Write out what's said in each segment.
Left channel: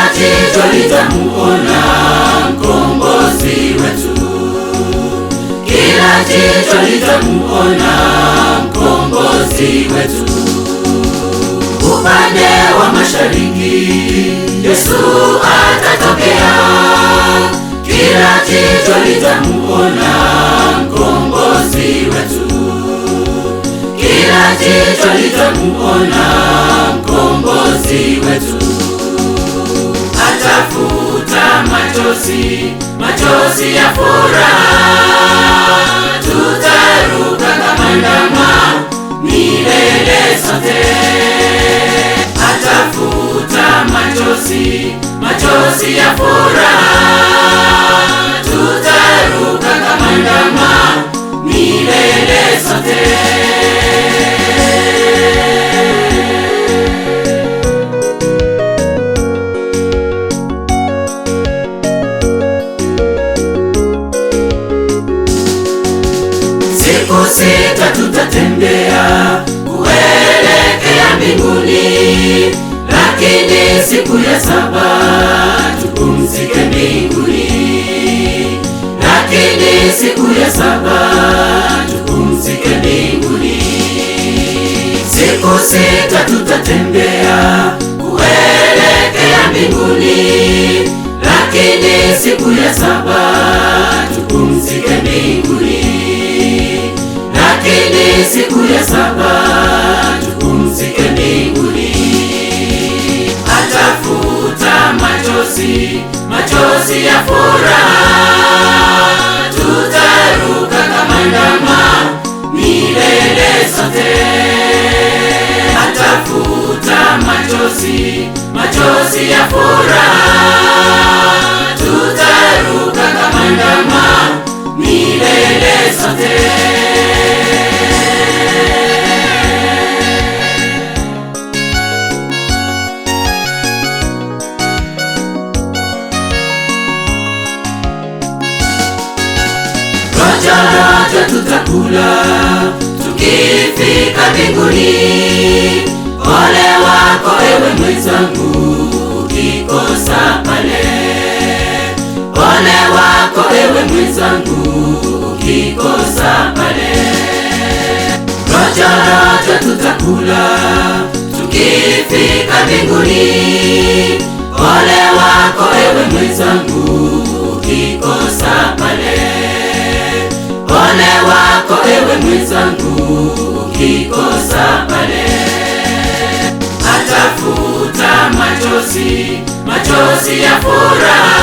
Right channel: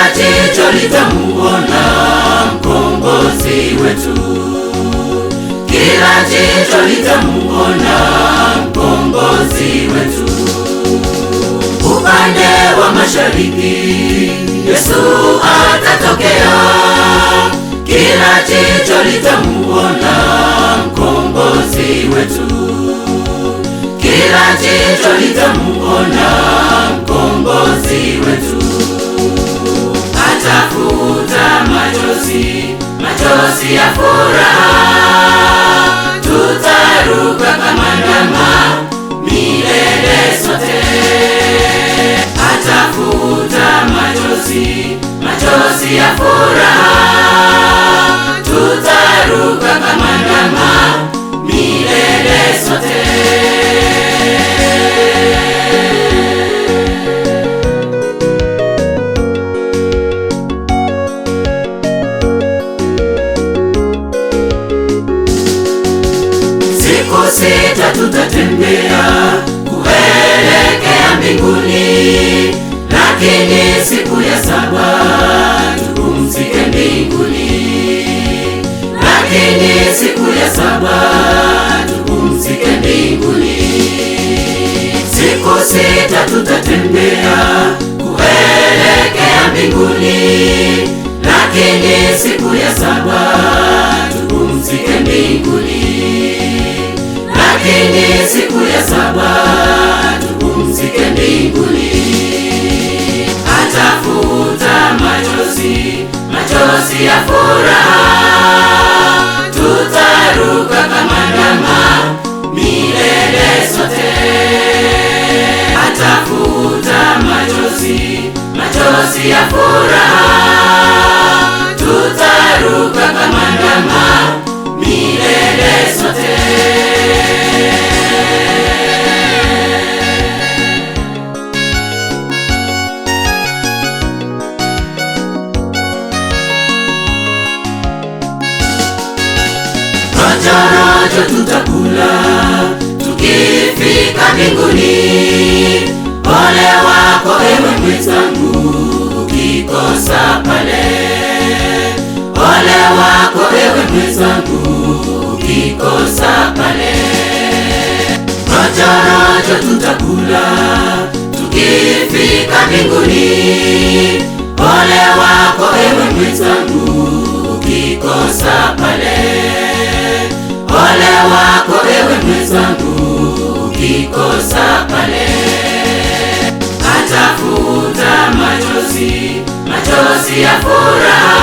kila jicho litamuona mkombozi wetu, kila jicho litamuona mkombozi wetu. Upande wa mashariki Yesu atatokea, kila jicho litamuona mkombozi wetu, kila jicho litamuona mkombozi wetu. Atafuta machozi, machozi ya furaha, tutaruka kama ndama milele sote. Atafuta machozi, machozi ya furaha, tutaruka kama ndama milele sote. Siku sita tutatembea kuelekea mbinguni, lakini siku ya saba tupumzike mbinguni, lakini siku ya saba tupumzike mbinguni. Siku sita tutatembea kuelekea mbinguni, lakini siku ya saba tupumzike mbinguni, lakini siku ya saba tupumzike mbinguni. Atafuta machozi, machozi ya furaha, tutaruka kama ndama milele sote. Atafuta machozi, machozi ya furaha, tutaruka kama ndama milele sote. Rojo tutakula tukifika mbinguni. Ole wako ewe mwenzangu ukikosa pale, ole wako ewe mwenzangu ukikosa pale. Rojo tutakula tukifika mbinguni. Ole wako ewe mwenzangu ukikosa pale, ole wako ewe mwenzangu ukikosa pale. Atafuta machozi, machozi ya furaha,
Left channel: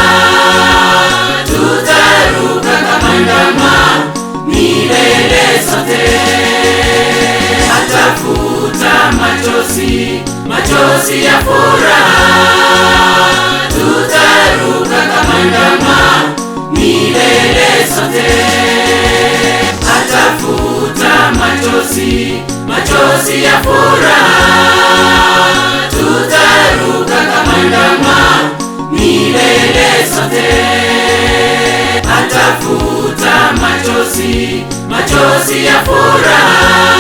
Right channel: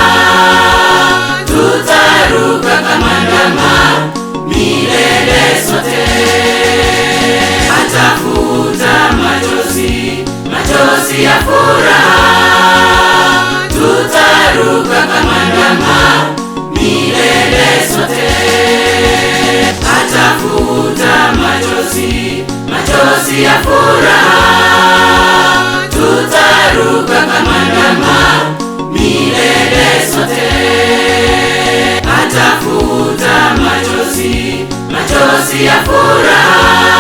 tutaruka kama ndama milele sote. Atafuta machozi, machozi ya furaha, tutaruka kama ndama milele sote. Atafuta machozi, machozi ya furaha, tutaruka kama ndama milele sote. Atafuta machozi, machozi ya furaha,